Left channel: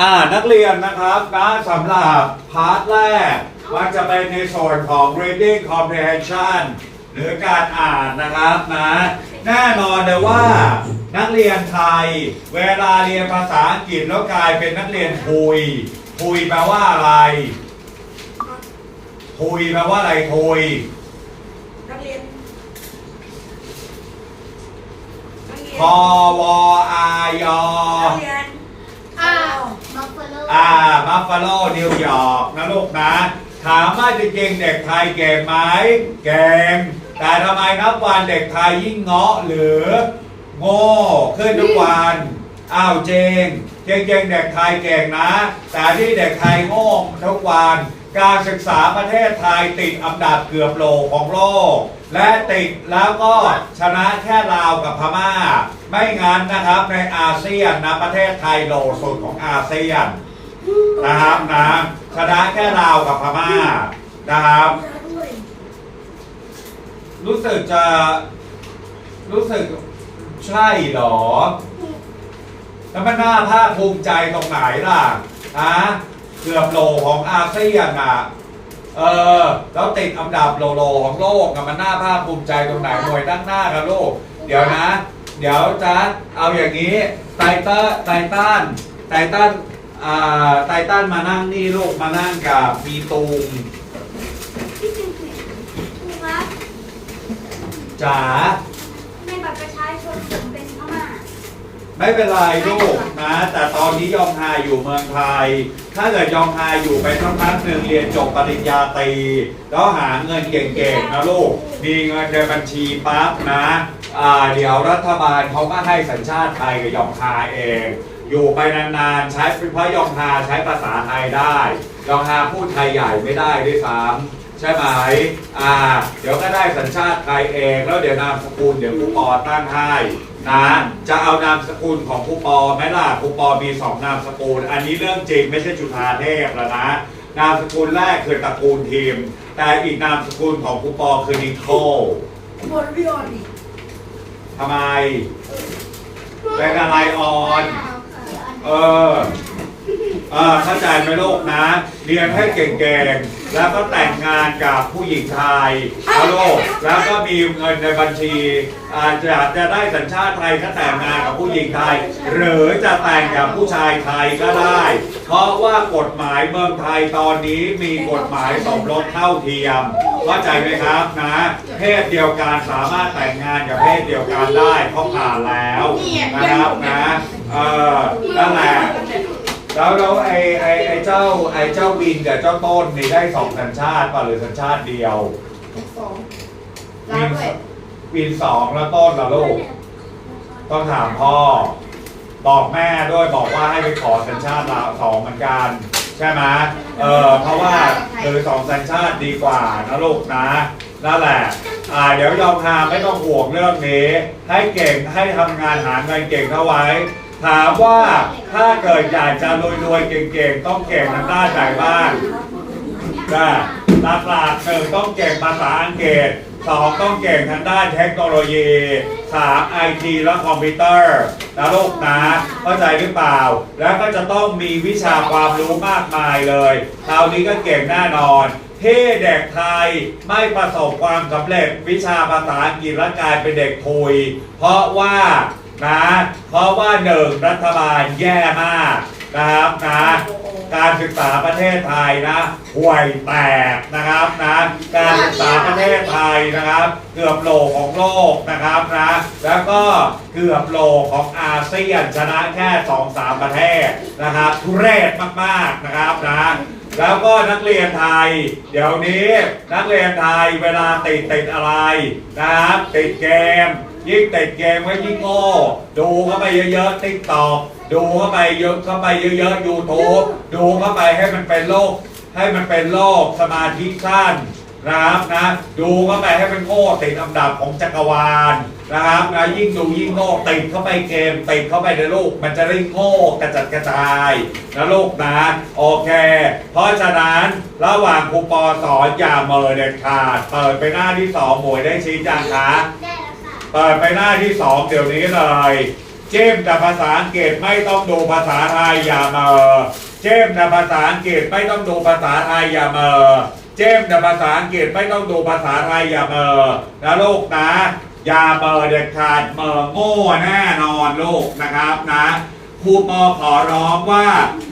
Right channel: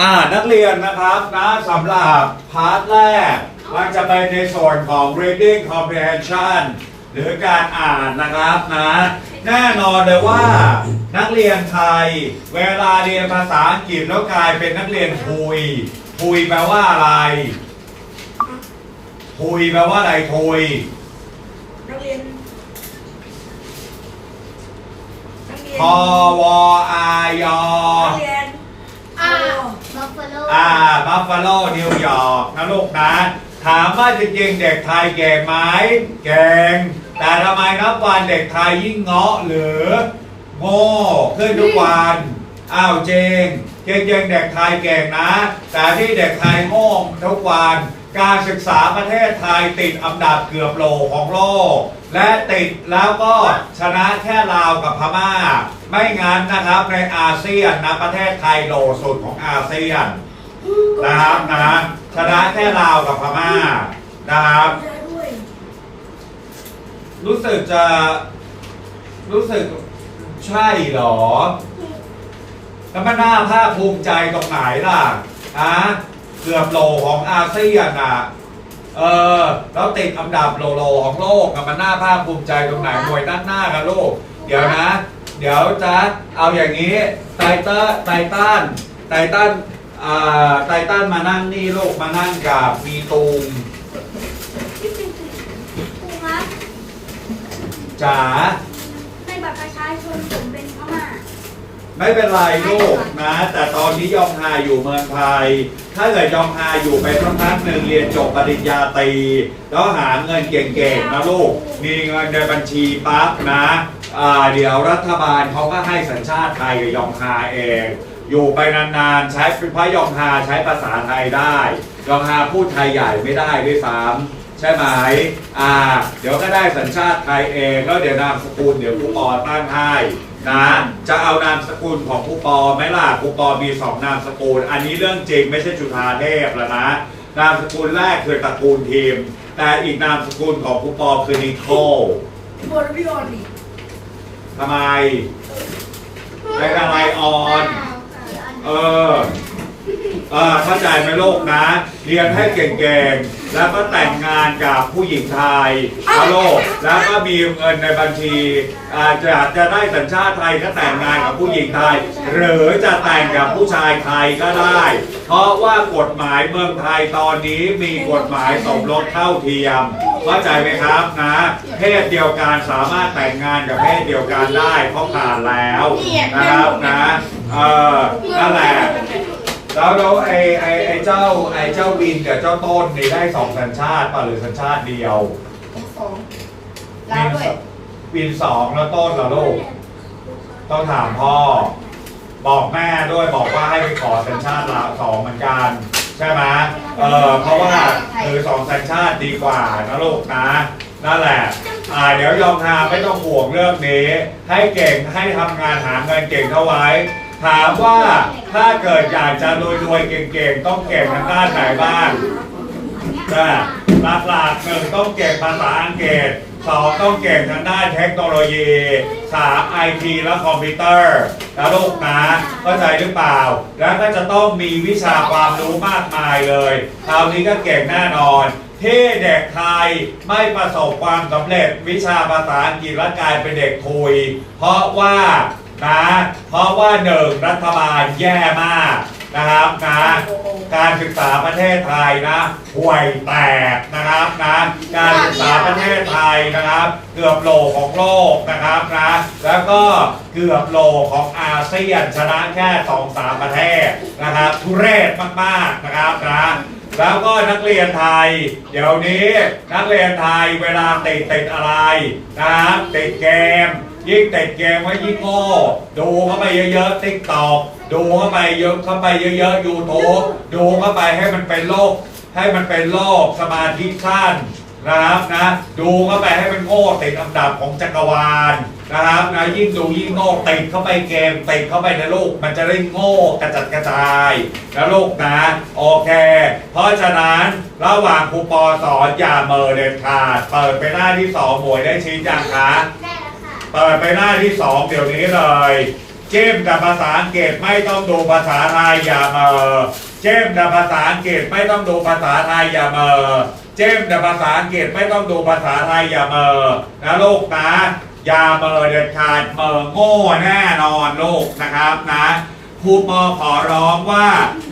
อ่านักเรียนนะครับนะสำหรับพาร์ทแรกมันจะเป็นในส่วนของ reading comprehension หรือการอ่านนะครับนะแน่นอนเลยว่านักเรียนไทย เวลาเรียนภาษาอังกฤษแล้วกลายเป็นนักเรียนทุยทุยแปลว่าอะไรทุยแปลว่าอะไรทุยนักเรียนนักเรียนพอวอายอนักเรียน อ่าบัฟฟาโลอ่าบัฟฟาโลนิวยอร์กนะลูกนะถามว่าจริงๆเด็กไทยเก่งไหมเก่งแต่ทำไมนับวันเด็กไทยยิ่งเงาะหรือโง่ขึ้นทุกวันอ้าวเจงเก่งๆเด็กไทยเก่งนะ แต่ที่เด็กไทยโง่ทุกวัน การศึกษาประเทศไทยติดอันดับเกือบโหลของโลก และติดแล้วก็ชนะแค่ลาวกับพม่า ไม่งั้นนะครับในอาเซียนนะประเทศไทยโหลสุดของอาเซียนนะครับนะชนะแค่ลาวกับพม่านะครับรู้สึกจะรู้สึกใช่หรอ แล้วมันน่าภาคภูมิใจตรงไหนล่ะอะ เกือบโหลของอาเซียนอะเออแล้วติดอันดับโลโลของโลกอะมันน่าภาคภูมิใจตรงไหนหน่วยด้านหน้ากันลูกเดี๋ยวนะ เดี๋ยวจะเอาอย่างนี้ไตเตอร์ไตตันไตตันอ่าไตตันมานั่งนี่ลูกมานั่งกับมีตูมครูครับจ๋าในบัตรประชาชนผมเป็นพม่าไม่เป็นไรลูกนะ แต่ต อนนี้ยองฮาอยู่เมืองไทย ถ้าเกิดยองฮาอยู่ไปสักพักหนึ่งเรียนจบปริญญาตรีแล้วหาเงินเก่งๆนะลูก มีเงินในบัญชีปั๊บนะอ่าเดี๋ยวรัฐบาลเขาก็ให้สัญชาติไทยกับยองฮาเอง อยู่ไปนานๆ ใช้เพราะยองฮาใช้ภาษาไทยได้ ยองฮาพูดไทยใหญ่ไม่ได้ด้วยซ้ำใช่ไหม อ่า เดี๋ยวก็ได้สัญชาติไทยเอง แล้วเดี๋ยวนามสกุลเดี๋ยวผู้ปอตั้งให้ นะจะเอานามสกุลของผู้ปอไหมล่ะผู้ปอมีสองนามสกุล อันนี้เรื่องจริงไม่ใช่จุฑาเทพแล้วนะ นามสกุลแรกคือตระกูลทีม แต่อีกนามสกุลของผู้ปอคือนิโคลบทพี่ออนดิทำไมเป็นอะไรออน เออ เออเข้าใจไหมโลกนะ เรียนให้เก่งๆ แล้วก็แต่งงานกับผู้หญิงไทยนะลูกแล้วก็มีเงินในบัญชี อาจจะจะได้สัญชาติไทยถ้าแต่งงานกับผู้หญิงไทย หรือจะแต่งกับผู้ชายไทยก็ได้ เพราะว่ากฎหมายเมืองไทยตอนนี้มีกฎหมายสมรสเท่าเทียมเข้าใจไหมครับนะ เพศเดียวกันสามารถแต่งงานกับเพศเดียวกันได้เพราะผ่านแล้วนะครับนะเออนั่นแหละ แล้วแล้วไอ้ไอ้ไอ้เจ้าไอ้เจ้าวินกับเจ้าต้นนี่ได้สองสัญชาติป่ะหรือสัญชาติเดียว สองลาด้วยวินสองแล้วต้นล่ะลูกต้องถามพ่อ บอกแม่ด้วยบอกว่าให้ไปขอสัญชาติลาวสองเหมือนกัน ใช่ไหมเออเพราะว่าคือสองสัญชาติดีกว่านะลูกนะนั่นแหละอ่าเดี๋ยวยอมทาไม่ต้องห่วงเรื่องนี้ ให้เก่งให้ทำงานหาเงินเก่งเข้าไว้ ถามว่าถ้าเกิดอยากจะรวยๆเก่งๆ ต้องเก่งทางด้านไหนบ้างก็หลักๆหนึ่งต้องเก่งภาษาอังกฤษสองต้องเก่งทางด้านเทคโนโลยีสามไอทีและคอมพิวเตอร์นะลูกนะเข้าใจหรือเปล่า แล้วก็จะต้องมีวิชาความรู้มากมายเลยคราวนี้ก็เก่งแน่นอนที่เด็กไทยไม่ประสบความสำเร็จวิชาภาษาอังกฤษและกลายเป็นเด็กทุย เพราะว่า นะเพราะว่าหนึ่งรัฐบาลแย่มากนะครับนะการศึกษาประเทศไทยนะห่วยแตกนะครับนะการศึกษาประเทศไทยนะครับ เกือบโหลของโลกนะครับนะแล้วก็เกือบโหลของอาเซียนชนะแค่สองสามประเทศนะครับทุเรศมากๆนะครับนะแล้วก็นักเรียนไทย เดี๋ยวนี้นักเรียนไทยเวลาติดติดอะไรนะครับติดเกม ยิ่งติดเกมก็ยิ่งโง่ดูเข้าไปเยอะๆติ๊กตอกดูเข้าไปเยอะเข้าไปเยอะๆยูทูบดูเข้าไปให้มันเป็นโรคให้มันเป็นโรคสมาธิสั้นนะครับนะดูเข้าไปให้มันโง่ติดอันดับของจักรวาลนะครับนะยิ่งดูยิ่งโง่ติดเข้าไปเกมติดเข้าไปในโลก มันจะได้โง่กระจัดกระจายนะลูกนะโอเค เพราะฉะนั้นระหว่างครูปอสอนอย่าเมอเด็ดขาดเปิดไปหน้าที่สองหมวยได้ชี้จังคะได้แล้วค่ะ เปิดไปหน้าที่สองเดี๋ยวนี้เลย เจมแต่ภาษาอังกฤษไม่ต้องดูภาษาไทยอย่าเมอเจมแต่ภาษาอังกฤษไม่ต้องดูภาษาไทยอย่าเมอเจมแต่ภาษาอังกฤษไม่ต้องดูภาษาไทยอย่าเมอนะลูกนะ อย่าเมอเด็ดขาดเมอโง่แน่นอนลูกนะครับนะครูปอขอร้องว่า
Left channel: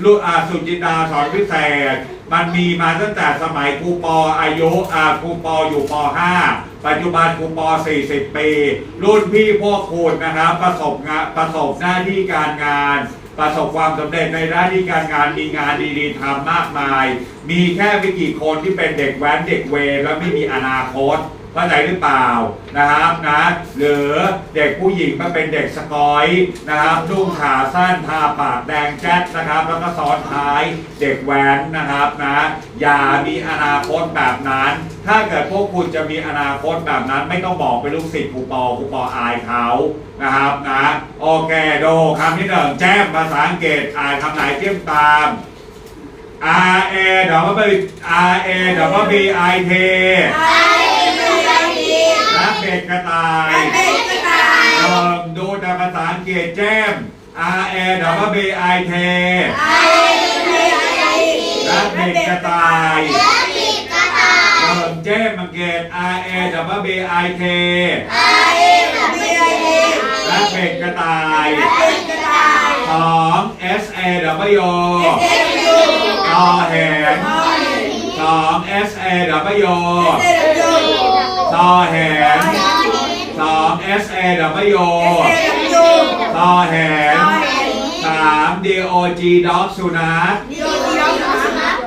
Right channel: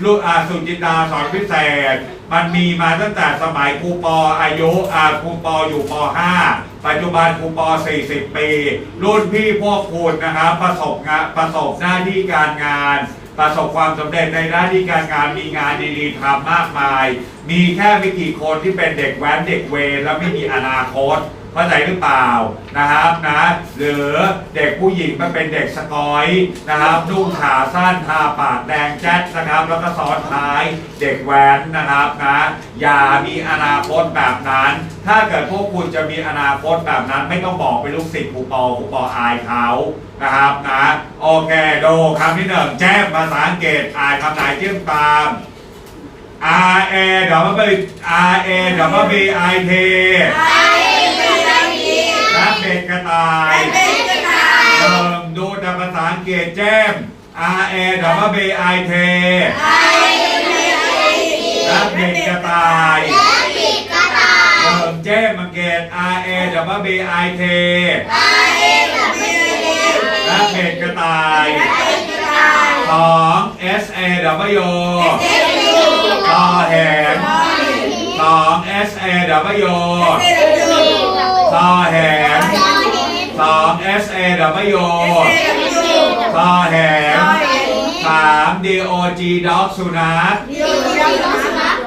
ลูกอาสุจินดาสอนพิเศษ มันมีมาตั้งแต่สมัยครูปออายุอาครูปออยู่ป .5 ปัจจุบันครูปอ 40 ปี รุ่นพี่พวกคุณนะครับประสบงานประสบหน้าที่การงาน ประสบความสำเร็จในหน้าที่การงานมีงานดีๆทำมากมาย มีแค่ไม่กี่คนที่เป็นเด็กแว้นเด็กเวรและไม่มีอนาคต เข้าใจหรือเปล่านะครับนะหรือเด็กผู้หญิงมันเป็นเด็กสกอยนะครับนุ่งขาสั้นทาปากแดงแจ๊ดนะครับแล้วก็ซ้อนท้ายเด็กแว้นนะครับนะอย่ามีอนาคตแบบนั้น ถ้าเกิดพวกคุณจะมีอนาคตแบบนั้น ไม่ต้องบอกเป็นลูกศิษย์ครูปอครูปออายเขานะครับนะโอเคโดคำที่หนึ่งแจ้งภาษาอังกฤษอ่านคำไหนเชื่อมตาม R A W R A W B I T รักเด็ กกระต่ายหนึ่งดูแต่ภาษาอังกฤษแจ้ม R A W B I T รักเด็กกระต่ายหนึ่งแจ้มอังเกฤษ R A W B I T รักเด็กกระต่ายสอง S A W กอแหนสอง S A W ซอแหนสอง S A W ซอแหนสาม D O G dog สุนัข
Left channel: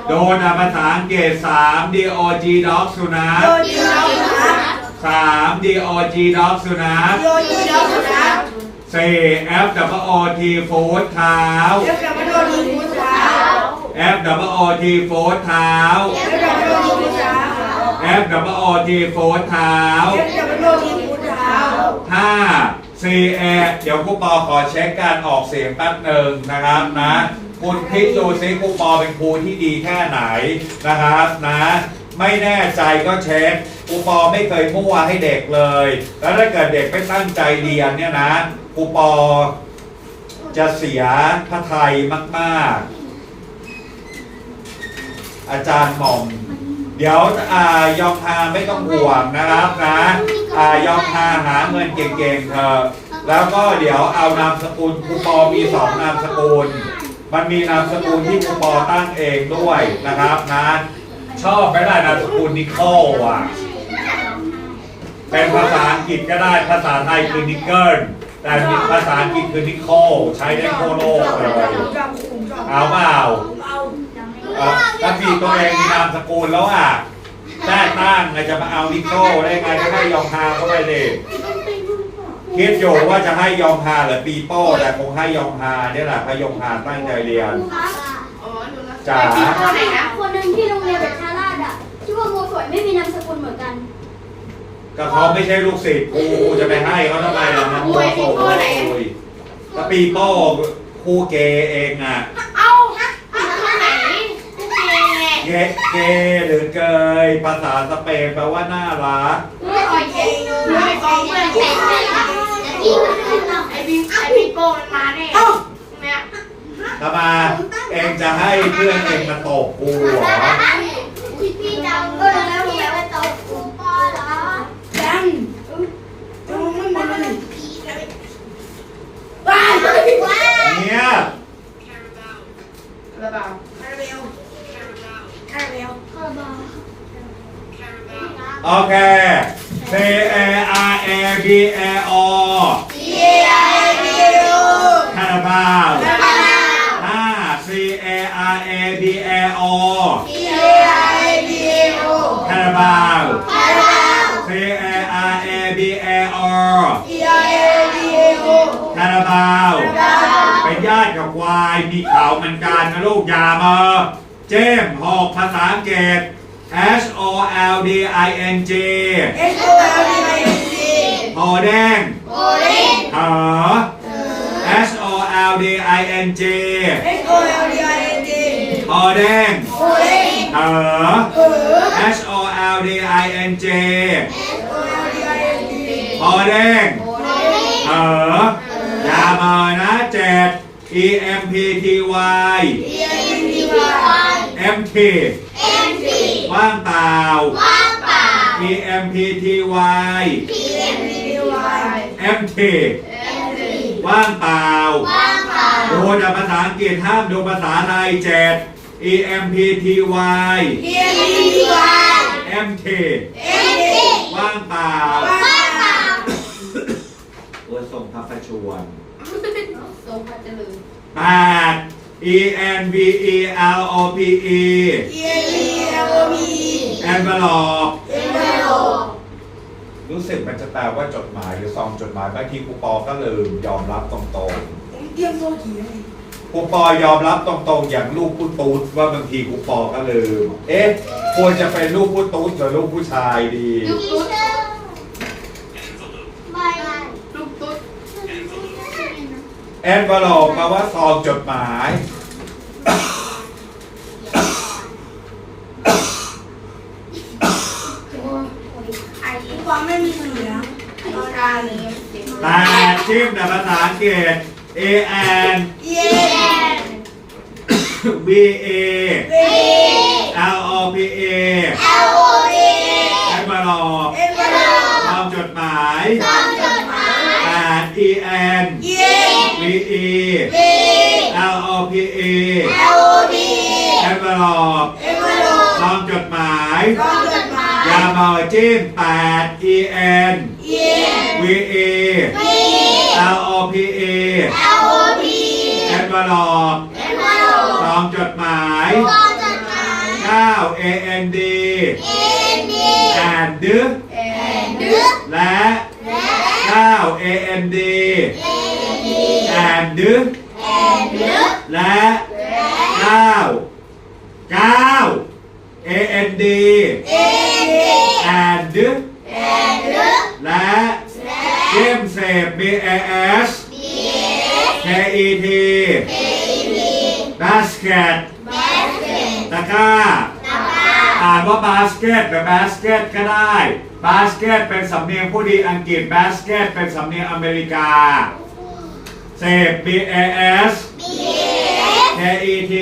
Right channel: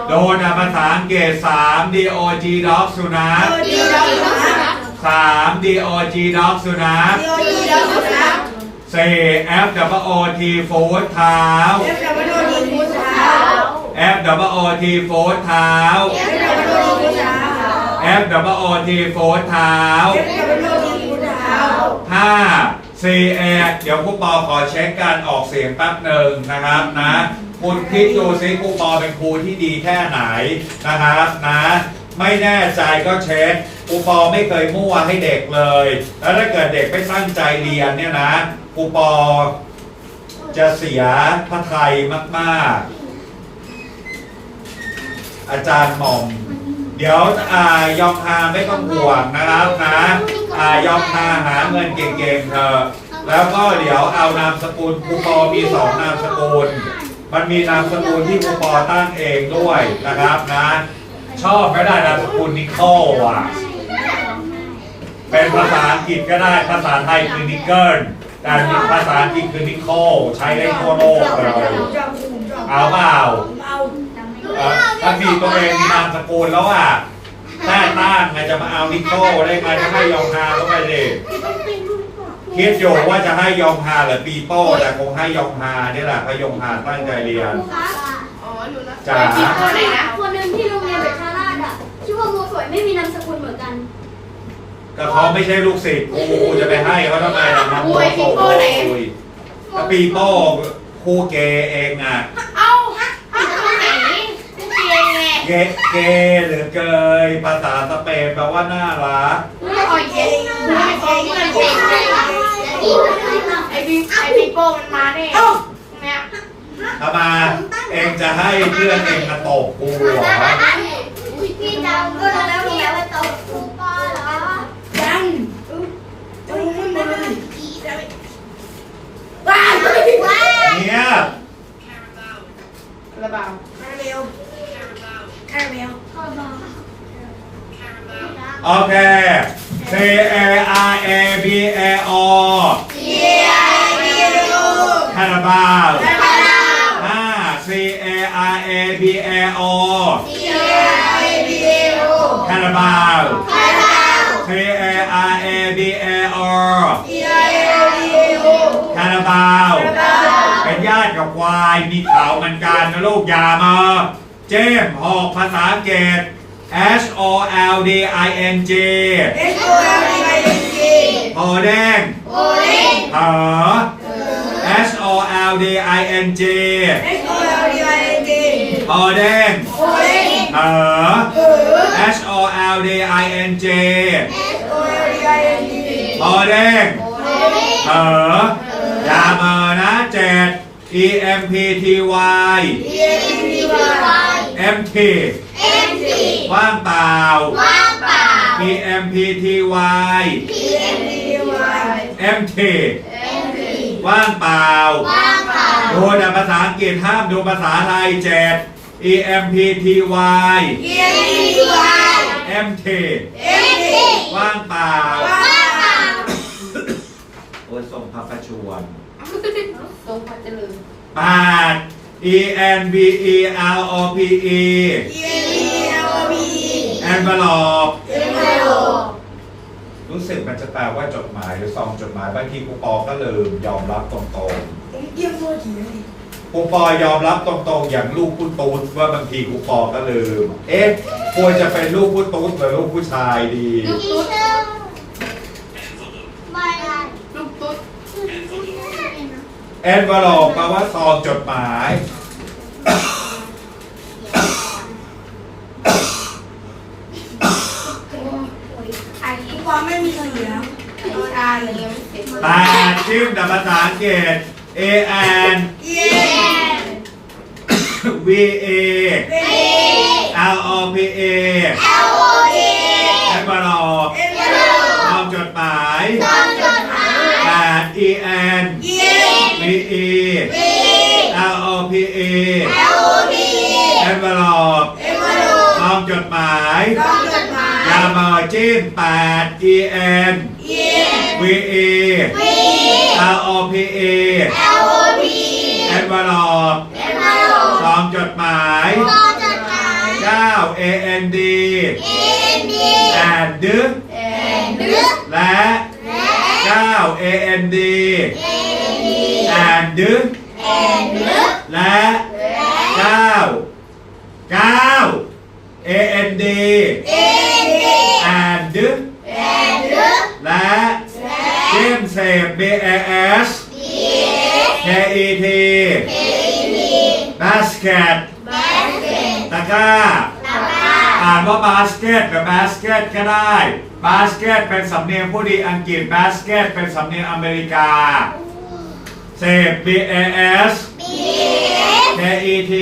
โดนอะภาษาอังกฤษสาม D O G dog สุนัขสาม D O G dog สุนัขสี่ F W O T foot เท้า F W O T foot เท้า F W O T foot เท้าห้า C A เดี๋ยวครูปอขอเช็คการออกเสียงแป๊บหนึ่งนะครับนะคุณคิดดูซิครูปอเป็นครูที่ดีแค่ไหนนะครับนะไม่แน่ใจก็เช็คครูปอไม่เคยมั่วให้เด็กเลย แล้วถ้าเกิดเด็กไม่ตั้งใจเรียนเนี่ยนะครูปอจะเสียพระไทยมาก ๆ อาจารย์หม่อม เดี๋ยวอ่ายองฮาไม่ต้องห่วงนะครับนะอ่ายองฮาหาเงินเก่งๆเถอะแล้วก็เดี๋ยวเอานามสกุลครูปอมีสองนามสกุล มันมีนามสกุลที่ครูปอตั้งเองด้วยนะครับนะชอบไม่ได้นามสกุลนิโคลอะเป็นภาษาอังกฤษก็ได้ภาษาไทยคือนิกเกิลแต่ภาษาอังกฤษคือนิโคลใช้ได้ทั่วโลกเลยเอาเปล่าเอ่อ ถ้ามีตัวเองมีนามสกุลแล้วอะแต้ตั้งอะจะมาเอานิโก้ได้ไหมก็ให้ยองฮาเข้าไปดิคิดอยู่ว่าจะให้ยองฮาหรือปีโป้แต่คงให้ยองฮาเนี่ยแหละเพราะยองฮาตั้งใจเรียนอ๋อรู้แล้วจ๋าไปกินข้าวไหนนะคนหนึ่งที่โรงเรียนเด็กชาราดอะชื่อว่าโมสวยไม่มีนามสกุลเหมือนกันก็เขาไม่ใช่ลูกศิษย์ครูจะไปให้เขาทำไมล่ะมาโมโหยแต่ปีโป้ครูเกเองอะ เอ้าฮะเอาตรงไหนเกย์ไง เกเกหรือเกยภาษาสเปนแปลว่าน่ารักอ๋อเกย์ไม่กองเพื่อนเกย์ไอ้บิ๊กไอ้บิ๊กโป้มันมาแน่เนี่ยทำไมเองจะให้เพื่อนเองมาตบกูเหรอพี่จำก็รู้แล้วรู้แล้วว่าโตครูป อเหรอเนี่ยระบาดโอเค C A R A B A O คาราบาวห้า C A R A B A O คาราบาว C A R A B A O คาราบาว เป็นญาติกับควาย มีเขาเหมือนกันนะลูกอยามา เจมส์หอกภาษาอังกฤษ H O L D I N G หอแดงเหอ H O L D I N G หอแดงเหอ H O L D I N G หอแดงเหออย่ามานะเจ็ด E M P T Y M T ว่างเปล่า E M P T Y M T ว่างเปล่าดูแต่ภาษาอังกฤษห้ามดูภาษาไทยเจ็ด E M P T Y M T ว่างเปล่าเออส่งพระประชวน ทรงพระเจริญ แปด E N V E L O P E แอนเวลอปรู้สึกมันจะแปลว่าจดหมายหรือซองจดหมายบางทีครูปอก็ลืมยอมรับตรงๆครูปอยอมรับตรงๆ อย่างลูกผู้ตูดว่าบางทีครูปอก็ลืม เอ๊ะควรจะเป็นลูกผู้ตูดหรือลูกผู้ชายดี ลูกตุ๊ด ไม่ ลูกตุ๊ด แอนเวลอปแปลว่าซองจดหมาย ไอ้ที่ความไม่มีเสียงชาเลยยังไม่เสร็จแปดชื่อแต่ภาษาอังกฤษ A N เย้ V A เย้ L O P A จิ้มแปด E N เย้ V E L O P A แอนเวลอปซองจดหมายเก้า A N D แอนดึกแอนและเก้า A N D แอนดึกและเก้าเก้า A N D แอนดึกและเกมเสพ B A S K E T basket ตะกร้า อ่านว่าบา สเกตหรือบาสเกตก็ได้บาสเกตเป็นสำเนียงผู้ดีอังกฤษบาสเกตเป็นสำเนียงอเมริกาเสพ B A S K E T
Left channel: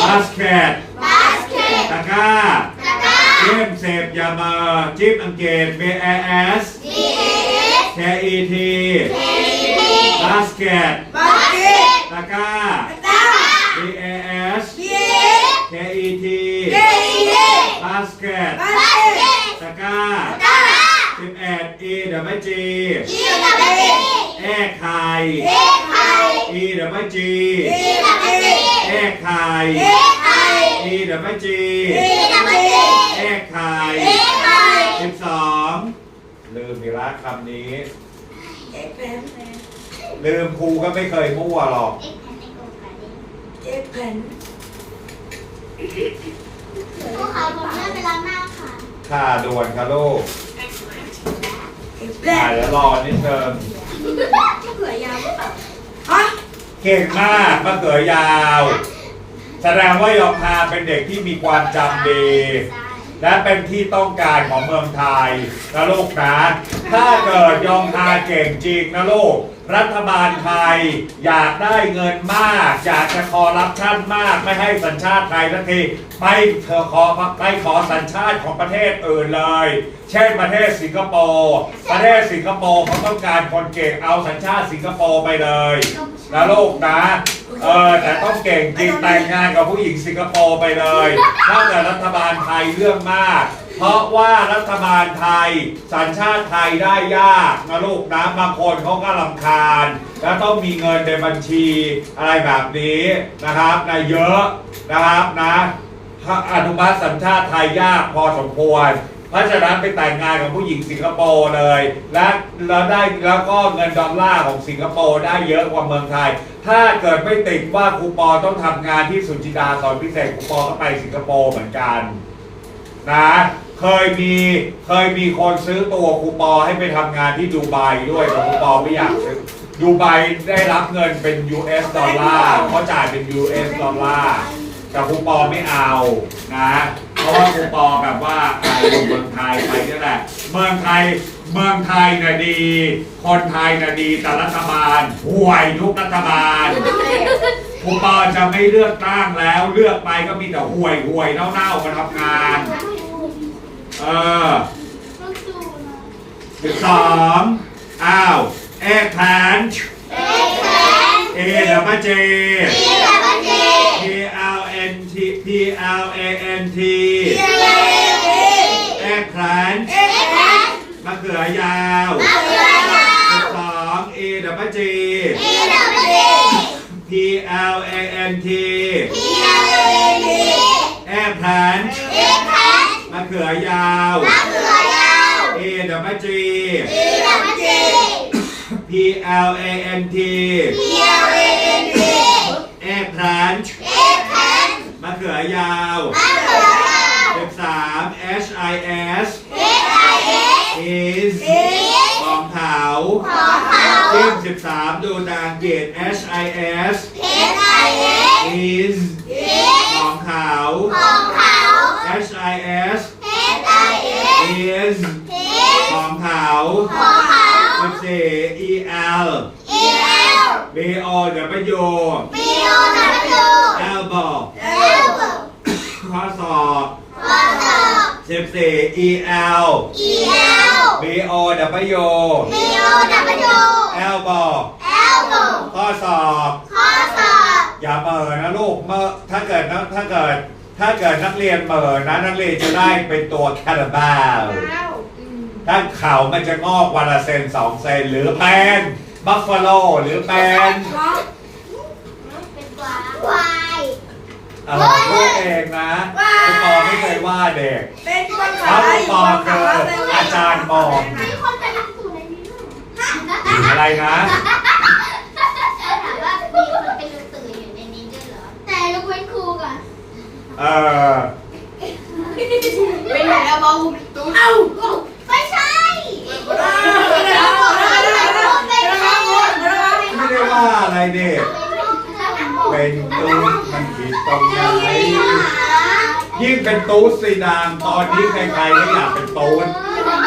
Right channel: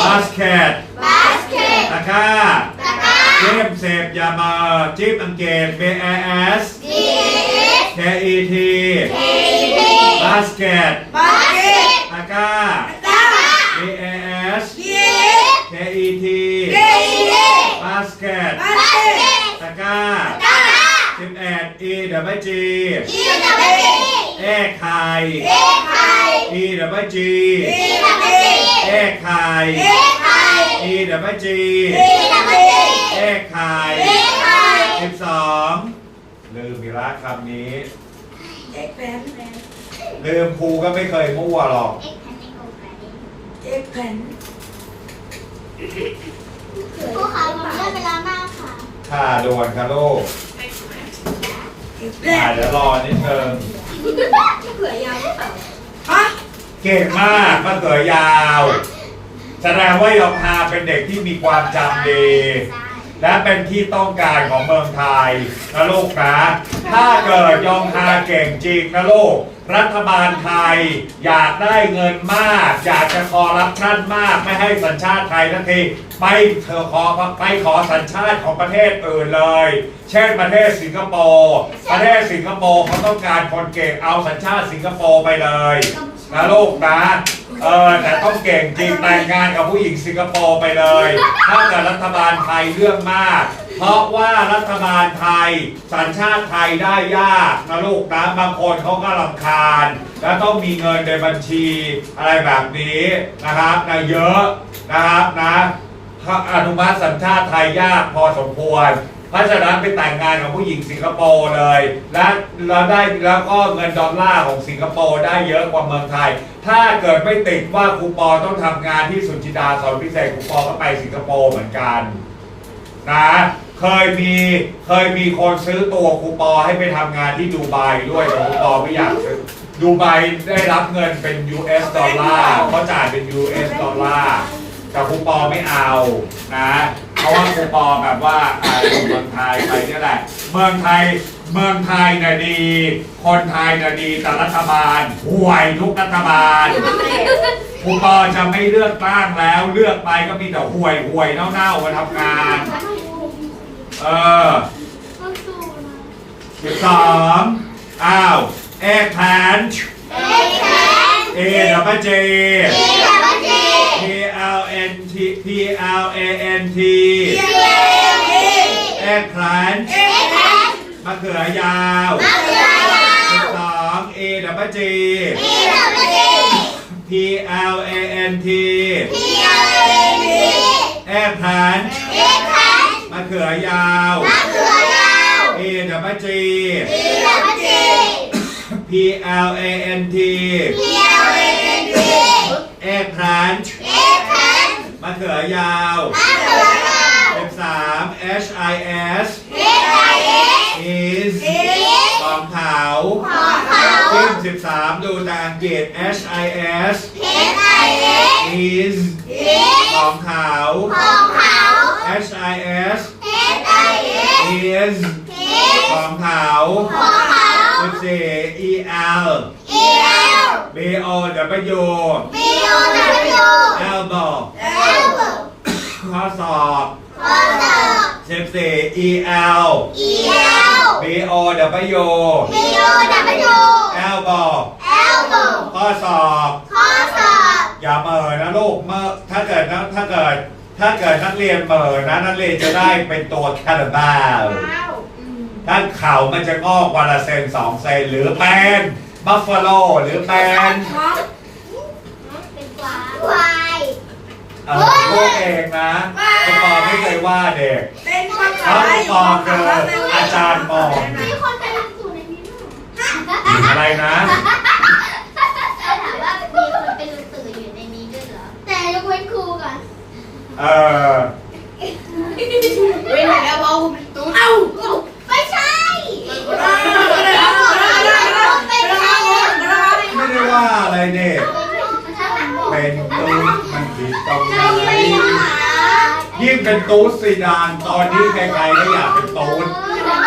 บาสเกตตะกร้าเกมเสพยามาจิ๊บอังกฤษ B A S K E T บาสเกตบาสเกตตะกร้าตา B A S เย้ K E T เย้ บาสเกต บาสเกต ตะกร้า ตา สิบเอ็ด E W G เย้ตาเย้เอ็กไข่เย้ไข่ E W G เย้ตาเย้เอ็กไข่เย้ไข่ E W G เย้ตาเย้เอ็กไข่เย้ไข่ สิบสองลืมมีรักคำนี้ เอ็กแพนลืมครูก็ไม่เคยมั่วหรอก เอ็กแพนผู้ขาวผมเลื่อนไปล้างหน้าค่ะ ค่ะด่วนค่ะลูกเอ็กแพอ่านเดี๋ยวรอนิดนึงเผื่อยาวหรือเปล่าฮะเก่งมากมะเขือยาว แสดงว่ายองฮาเป็นเด็กที่มีความจำดี และเป็นที่ต้องการของเมืองไทยนะลูกนะถ้าเกิดยองฮาเก่งจริงนะลูก รัฐบาลไทยอยากได้เงินมาก อยากจะคอร์รัปชันมาก ไม่ให้สัญชาติไทยทันทีไปเธอขอไปขอสัญชาติของประเทศอื่นเลย เช่นประเทศสิงคโปร์ประเทศสิงคโปร์เขาต้องการคนเก่งเอาสัญชาติสิงคโปร์ไปเลย นะลูกนะเออแต่ต้องเก่งจริงแต่งงานกับผู้หญิงสิงคโปร์ไปเลยถ้าเกิดรัฐบาลไทยเรื่องมาก เพราะว่ารัฐบาลไทย สัญชาติไทยได้ยากนะลูกนะบางคนเขาก็ลำคาญ แล้วต้องมีเงินในบัญชีอะไรแบบนี้นะครับนะเยอะนะครับนะอนุมัติสัญชาติไทยยากพอสมควร เพราะฉะนั้นไปแต่งงานกับผู้หญิงสิงคโปร์เลย และแล้วได้แล้วก็เงินดอลลาร์ของสิงคโปร์ได้เยอะกว่าเมืองไทย ถ้าเกิดไม่ติดว่าครูปอต้องทำงานที่สุจิดาสอนพิเศษครูปอก็ไปสิงคโปร์เหมือนกันนะเคยมีเคยมีคนซื้อตัวครูปอให้ไปทำงานที่ดูไบด้วยแต่ครูปอไม่อยากซื้อดูไบได้รับเงินเป็น US ดอลลาร์เขาจ่ายเป็น US ดอลลาร์ แต่ครูปอไม่เอานะ เพราะว่าครูปอแบบว่าอ่าอยู่เมืองไทยไปนี่แหละ เมืองไทยเมืองไทยน่ะดี คนไทยน่ะดีแต่รัฐบาลห่วยทุกรัฐบาลคุณปอจะไม่เลือกตั้งแล้ว เลือกไปก็มีแต่ห่วยห่วยๆเน่าๆมาทำงาน เออต้องสู้กันมาสิบสองอ้าวเอกแผนเอ็กแซนเอดับเบิลเจ P L A N T เย้เอกแผนเอ็กแพนมะเขือยาวมะเขือยาวสิบสองเอดับเบิลจีทีดับเบิลที P L A N T ทีดับเบิลทีเอกแผนเอ็กแซนมะเขือยาวมะเขือยาวเอดับเบิลจีทีดับเบิลที P L A N T ทีดับเบิลทีเอกแผนเอ็กแซนมะเขือยาวมะเขือยาวสิบสาม H I S เอสไอเอส is อีสของเขาของเขาซึ่งสิบสามดูตามอังกฤษ H I S เอสไอเอส is อีสของเขาของเขา H I S เอสไอเอส is อีสของเขาของเขาสิบสี่ E L อีเอล B O W บีโอดับเบิลยู elbow เอลโบข้อศอกข้อศอกสิบสี่ E L อีเอล B O W บีโอดับเบิลยู elbow เอลโบข้อศอกข้อศอกอย่าเปิดนะลูกเมื่อถ้าเกิดนะถ้าเกิด ถ้าเกิดนักเรียนเปิดนะนักเรียนจะได้เป็นตัวคาราบาวถ้าเข่ามันจะงอกวันละเซนสองเซนหรือเป็นบัฟฟาโลหรือเป็น ควายเออพูดเองนะคุณปอไม่เคยว่าเด็กเป็นคนถ้าขายคุณอปยู่อบ้านเจขาออาจารย์ปอมีคนไปรับสูตรในนี้ด้วยอะไรนะ ถามว่ามีคนเป็นลูกสื่ออยู่ในนี้ด้วยเหรอ แต่ยกเว้นครูก่อน เออ เว้นแล้วเบาตุ้น เอ้า ไม่ใช่ ไม่ได้ไม่ได้ ไม่ได้ว่าอะไรเด็กเป็นตูดมันผิดตรงไหนยิ่งเป็น ตูดสีดานตอนนี้ใครๆก็อยากเป็นตูด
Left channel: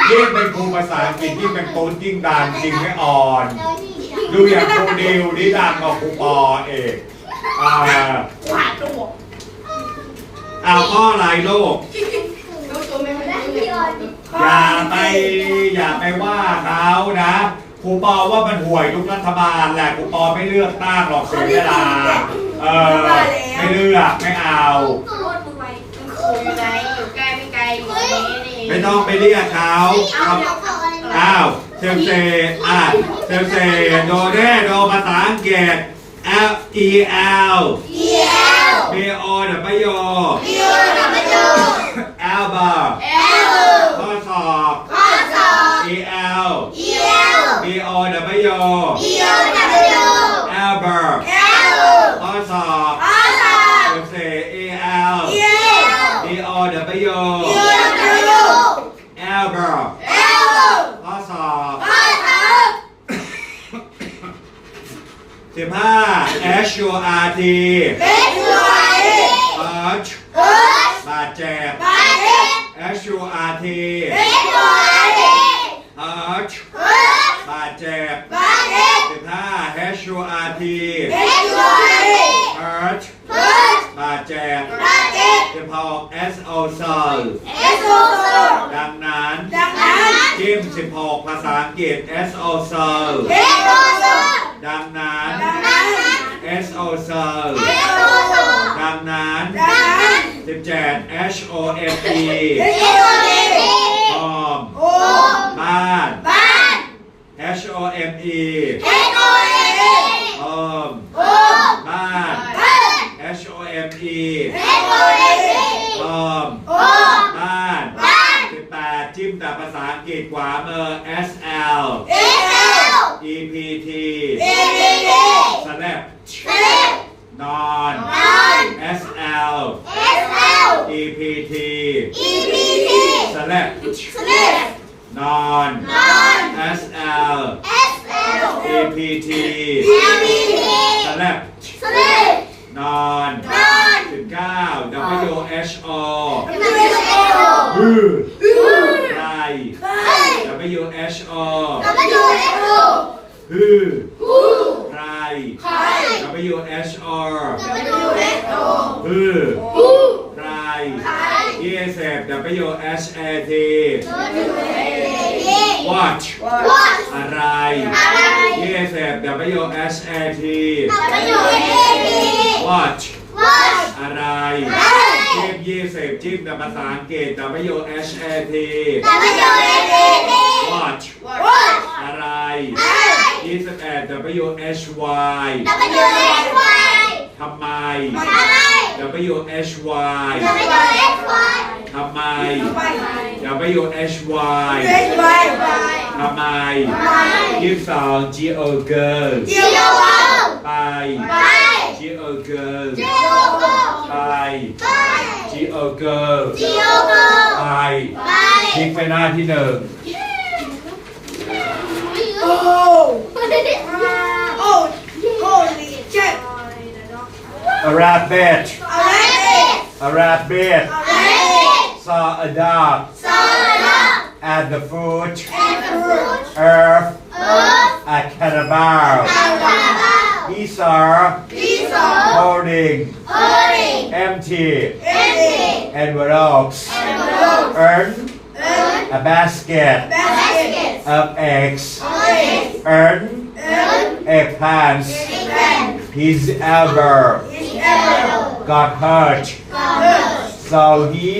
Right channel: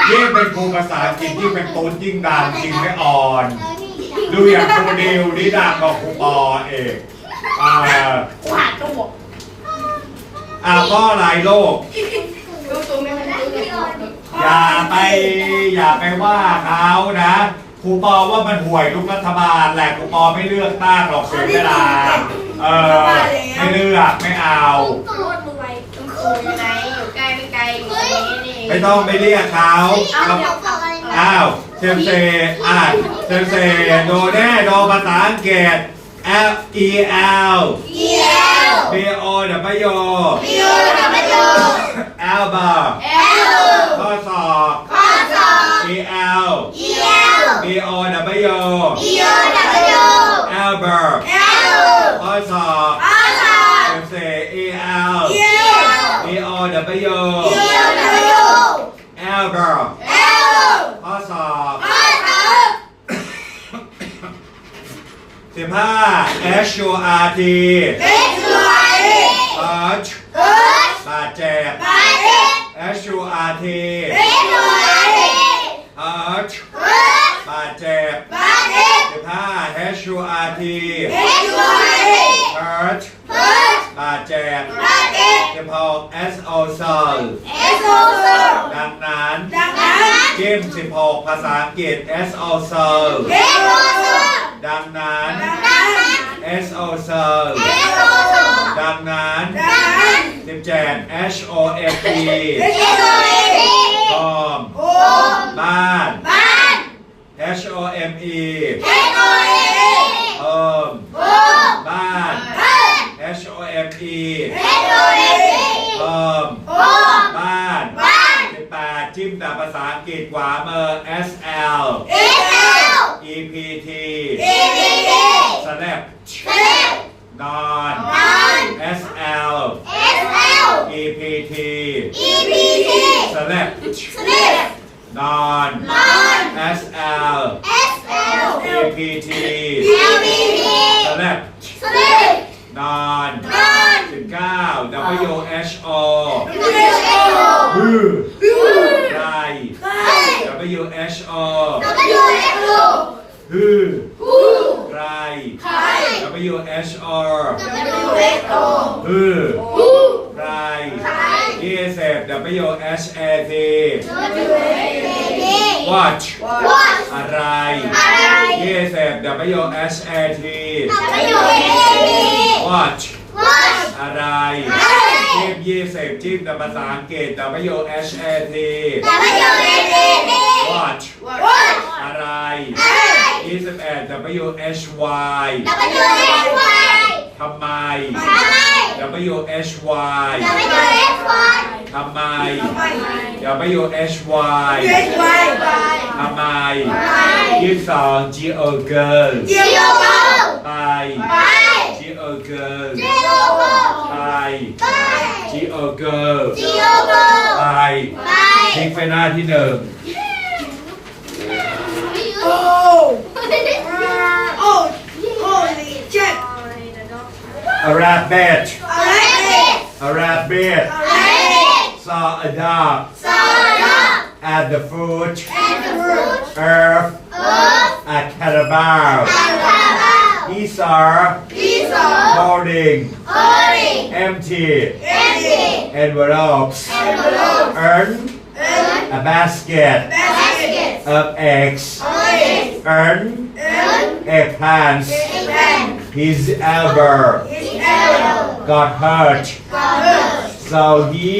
ยิ่งเป็นครูภาษาอังกฤษยิ่งเป็นตูดยิ่งดังจริงไม่อ่อน ดูอย่างครูดิวนี่ดังกว่าครูปอเอกอ่ากูหาตัวอ่าก็หลายโลกดูตุ้นไม่เป็นตุ้นอย่าไปอย่าไปว่าเขานะครูปอว่ามันห่วยทุกรัฐบาลแหละครูปอไม่เลือกตั้งหรอกเสียเวลา เออไม่เลือกไม่เอา ไม่ต้องไปเรียกเขาเอาเขาเดี๋ยวขออะไรมาอ้าวเซมเซอ่านเซมเซโดเน่โดภาษาอังกฤษ L E L เอียว B O W บีโอดับเบิลยู Elbow เอล ข้อศอก ข้อศอก E L เอียว B O W บีโอดับเบิลยู Elbow เอล ข้อศอก ข้อศอก เซมเซ E L เอียว B O W บีโอดับเบิลยู Elbow เอล ข้อศอก ข้อศอก สิบห้า H U R T เอ็กซ์วาย Hurt เอิร์ธบาดเจ็บบาเจ็บ H U R T เอ็กซ์วาย Hurt เอิร์ธบาดเจ็บบาเจ็บสิบห้า H U R T เอ็กซ์วาย Hurt เอิร์ธบาดเจ็บบาเจ็บสิบหก S O Soul เอ็กซ์โซโซดังนั้นดังนั้นจิ้มสิบหกภาษาอังกฤษ S O Soul เอ็กซ์โซโซ ดังนั้น ดังนั้น S O Soul เอ็กซ์ โซโซดังนั้นดังนั้นสิบเจ็ด H O F E เอ็กซ์โซเอซีหอมโอ้บ้านบ้าน H O M E เอ็กซ์โซเอซีโฮมโอ้บ้านบ้าน H O M E เอ็กซ์โซเอซีโฮมโอ้บ้านบ้านสิบแปดจิ้มแต่ภาษาอังกฤษขวามือ S L เอ็กซ์เอล E P T เอ็กซ์เอซี Snap เอ็กซ์นอนนอน S L เอ็กซ์เอล E P T อีพีที Snap สลิปนอนนอน S L เอสเอล E P T เอพีที Snap สลิป นอน นอน สิบเก้า W H O วิวเอล ฮือ ฮู้ ไร เฮ้ย W W H O W X O ฮือ ฮู ใคร ใคร W H R W X O ฮือ ฮู ใคร ใคร E S F W H A T W X A watch Watch อะไร อะไร E S F W H A T W X A watch Watch อะไร อะไร จิ้มยี่สิบจิ้มแต่ภาษาอังกฤษ W H A T W X A watch Watch อะไรอะไรยี่สิบเอ็ด W H Y W X Y ทำไมทำไม W H Y W X Y ทำไมไป W H Y เรียนไปทำไมยี่สิบสอง G O girl เจียวโกไปไป G O girl เจียวโก ไป ไป G O girl เจียวโกไปไปคลิกไปหน้าที่หนึ่งโอ้โอ้โอ้ลีเจ็ด A rabbit อะไรเนี่ย A rabbit อะไร saw a dog ซอลา at the foot แอนด์ฟรุต earth เอิร์ธ a cannibal อันคารา he saw ที่สอง holding โอริง empty เอ็นซี envelopes แอนด์โรส earn a basket แบสเกต of eggs โอริง earn เอิร์ธ eggplants เอ็กแพน his elbow อิสเอล got hurt กอเบิร์ so he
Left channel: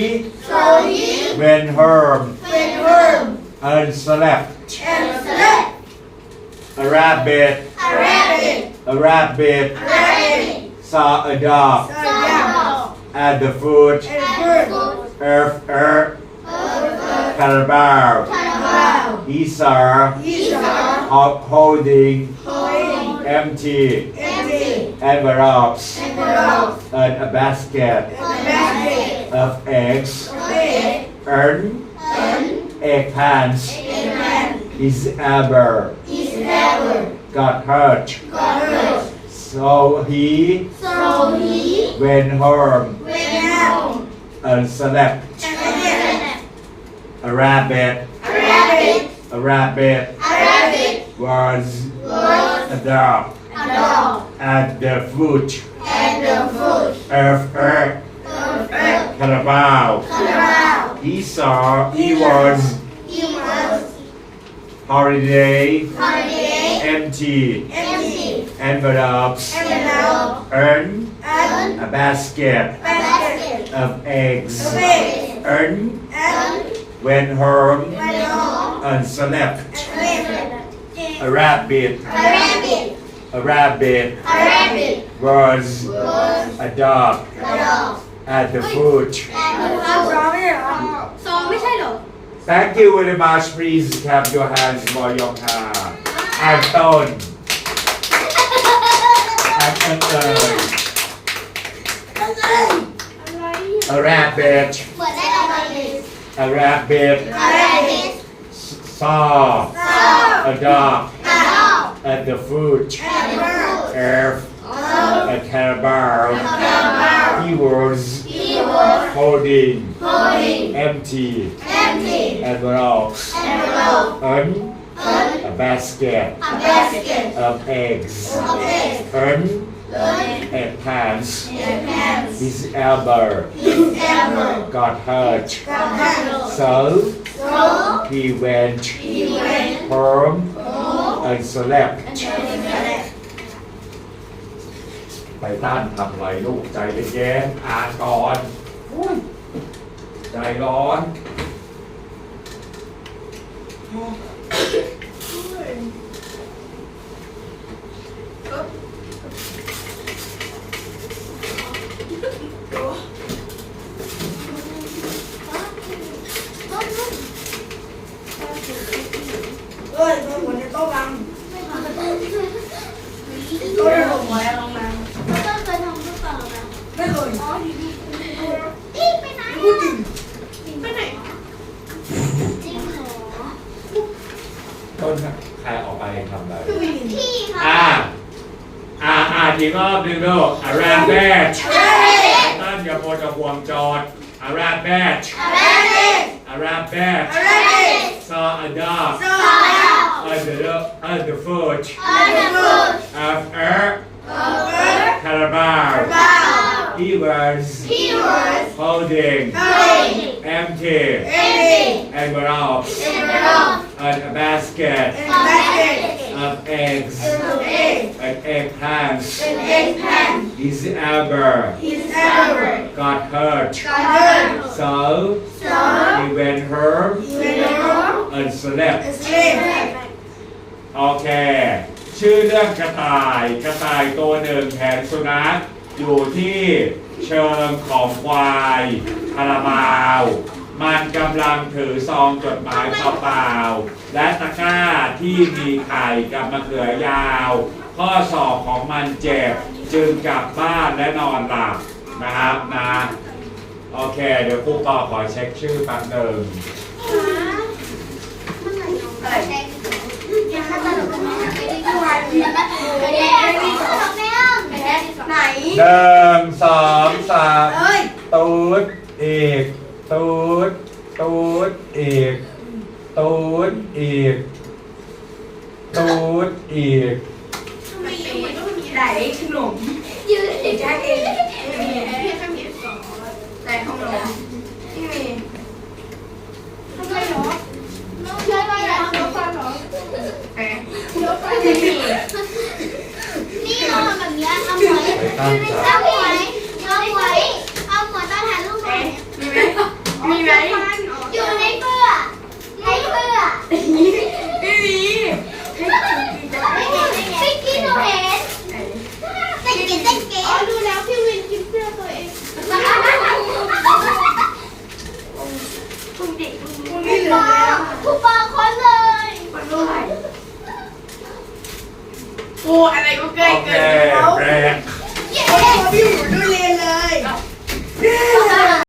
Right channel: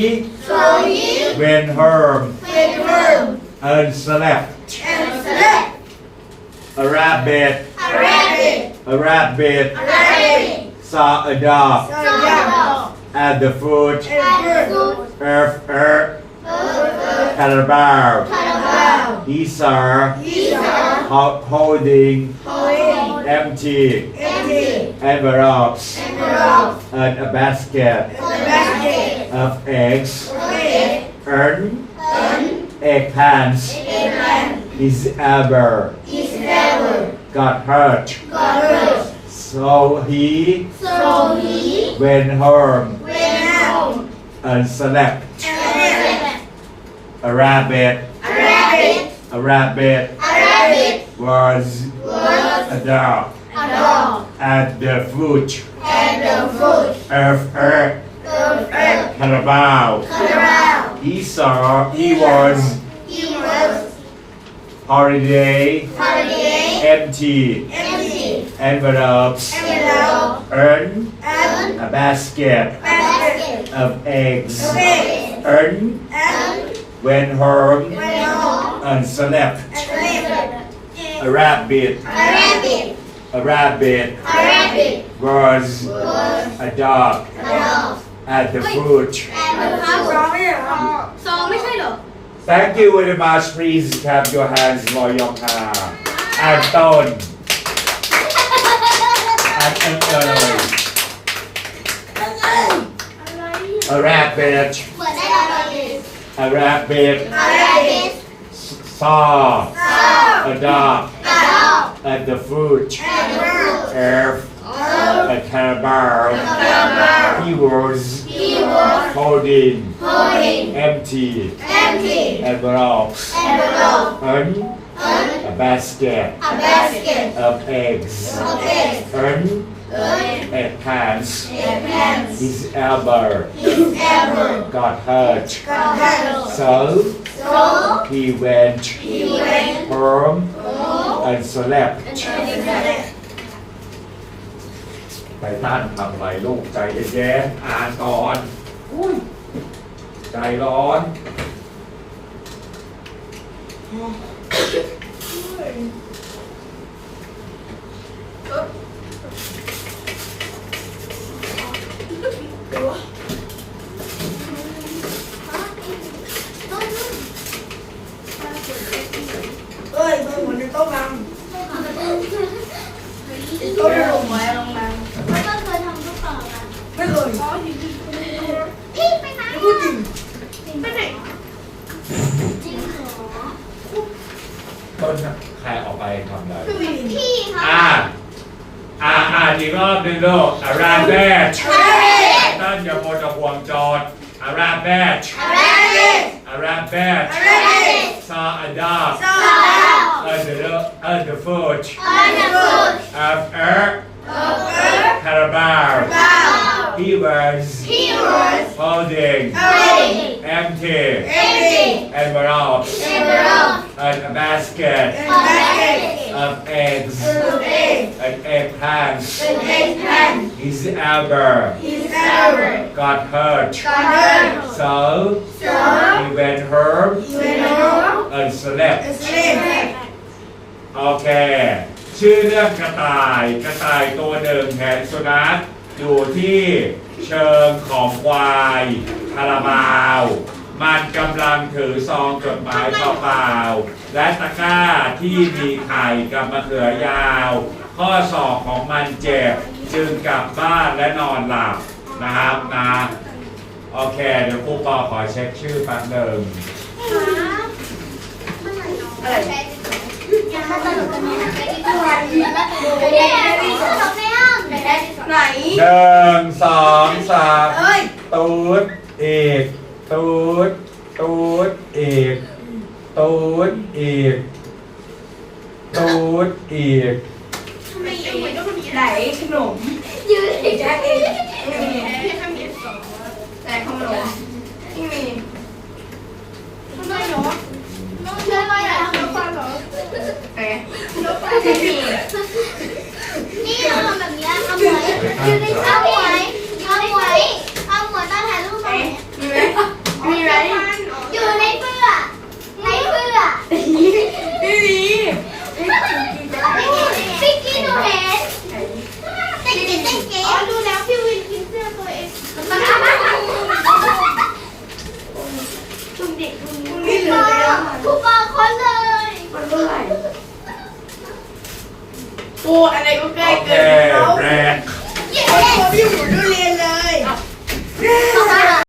โซยี went home เฟนเวิร์ม and slept แอนด์สเลป a rabbit อาราบิก a rabbit อาราบิก saw a dog โซดอ at the foot แ Erf er. Kalabar. Isar. Holding. Empty. Envelopes. And a basket. Of eggs. Earn. Egg pants. is ever. Got hurt. So he. Went home. A select. A rabbit. A rabbit. A rabbit. A rabbit. Was, was a dog. A dog. At the foot. At the foot. Of earth. Of earth. Carabao. Carabao. He saw. He was. He was. Holiday. Holiday. Empty. Empty. Envelopes. Envelope. Earn. Earn. A basket. Of eggs เอ็ม earn เอิร์ธ went home เวนโฮ and slept a rabbit อาราบิก a rabbit อาราบิก was เวิร์ส a dog อะดอก at the foot แอนด์เดอร์ฟูดสองเนี่ยเหรอสองไม่ใช่เหรอ Thank you very much. Please clap your hands for your car. And Stone. And Ethel. A Arabic. Arabic. Arabic. Rabbit. Saw. Saw. A dog. At the foot. At the foot. Earth. Earth. A caravan. Keywords. Keywords. Holding. Holding. Empty. Empty. Envelopes. Envelope. Un. Un. A basket. A basket. Of eggs. Of eggs. Un. อเค and เอิร์ธ a pants เอ็มแพน His elbow ฮิสแอมเบอร์ got hurt, ก็แฮร์ so โซ he went อีเวน home โอ and slept. เอ็มแพนใจท่านทำอะไรลูกใจเย็นๆอ่านก่อนอุ้ยใจร้อน เอ้ยก็เหมือนจะโต๊ะบัง ไม่เค โต๊ะจะลงมาแล้วลงมาย ทำหรือเปล่านะ ไม่เคยอีไปไหนพูดจริงไปไหนจริงเหรอต้นใครออกไปทำอะไรพี่คะอ่าอ่าอ่านอีกรอบหนึ่งลูก a rabbit อะไรต้นอย่าโพจะห่วงจทย์ a rabbit อะไร a rabbit อะไร saw a dog สอง at the at the foot อันดับสุด of a เอ he was Keywords holding เอ้ย empty empty envelopes envelope and a basket and basket of eggs egg and eggplants and eggplant his ever is ever got hurt garden so so he went home when home and slept sleep โอเค ชื่อเรื่องกระต่าย กระต่ายตัวหนึ่งแหนสุนัข อยู่ที่เชิงของควายคาราบาว มันกำลังถือซองจดหมายเปล่าๆและตะกร้าที่มีไข่กับมะเขือยาว ข้อศอกของมันเจ็บ จึงกลับบ้านและนอนหลับนะครับนะโอเค เดี๋ยวครูปอขอเช็คชื่อแป๊บหนึ่งถ้าตลกกันไหมไม่ได้ทุกวันไม่ได้ไม่ได้ตลกแม่อ้อม ไม่ได้ไหนหนึ่งสองสามเอ้ยตูดอีกตูดตูดอีกตูดอีกตูดอีกไหนขนมยืนแจ็คเองไม่มีไหนขนมไม่มีทำไมหนูเดินมาแล้วรถไฟหรอเอ๊ะนี่เราทำแบบนี้เอา หม